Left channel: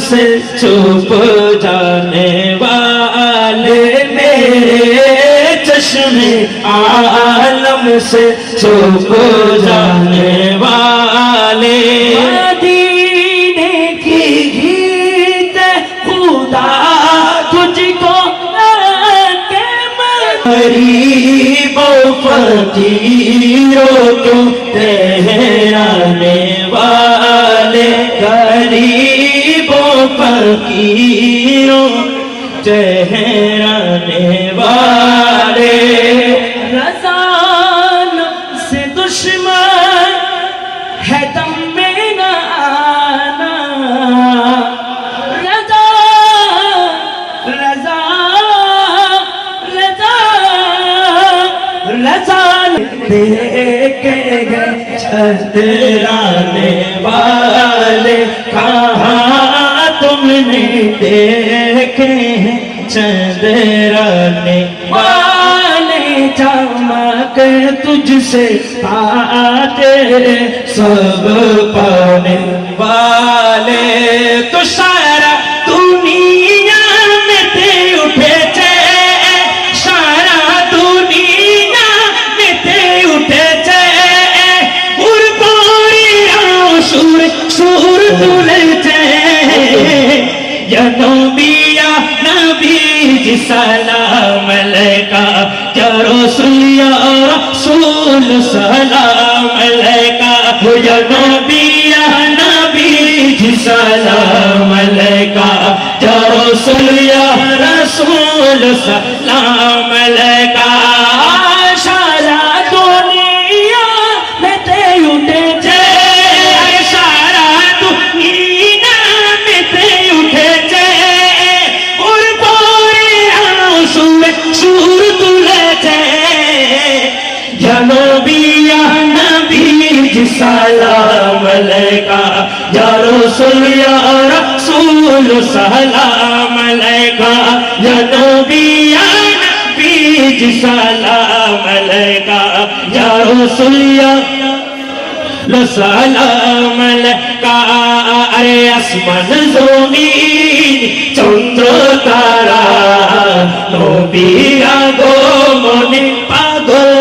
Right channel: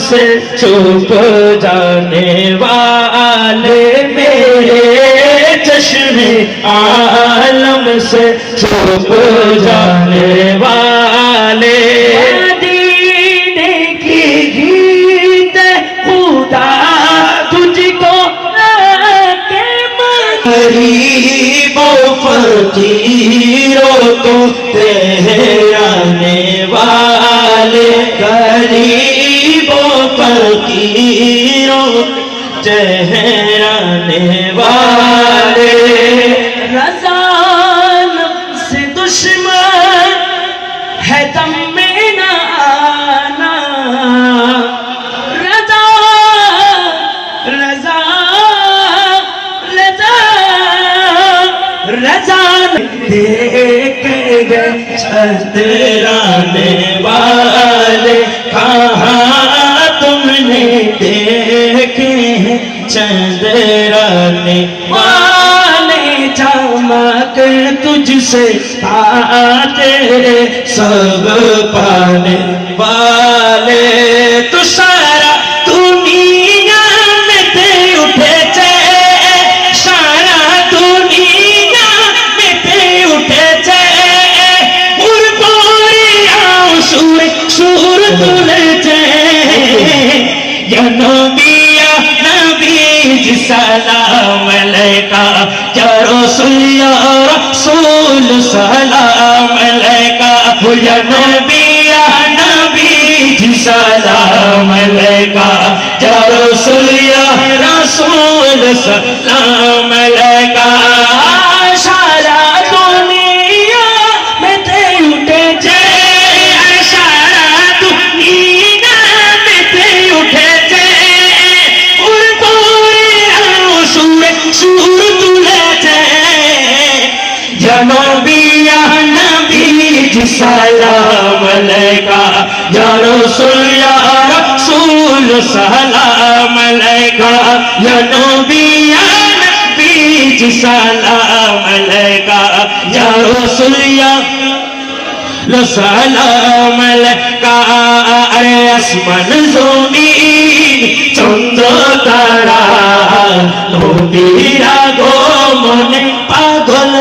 से छुप जाने वाले, मेरे चश्मे आलम से छुप जाने वाले। गरीबों फकीरों को ठहराने वाले, गरीबों फकीरों ठहराने वाले। रज़ा से दुश्मन है दम में न आना, रज़ा रज़ा रज़ा देख गए छतराने वाले, कहाँ तुमने देखे चंदराने वाले। चमक तुझसे आते सब पाने वाले, तो सारा दुनिया में ते उठे चे, सारा दुनिया में ते उठे चे। सुर सुर तुले चे, या नबी या नबी जी सलाम अलैका, या रसूल सलाम अलैका, या नबी जी सलाम अलैका, या रसूल सलाम अलैका। सारा दुनिया में ते उठे चे, सारा दुनिया में ते उठे चे। और सुर तुले चे, या नबी जी सलाम अलैका, या रसूल सलाम अलैका, या नबी जी सलाम अलैका, या रसूल सलाम अलैका। अरे আসমান জমিন চন্দ্র তারা নবীর আগমনে পাগল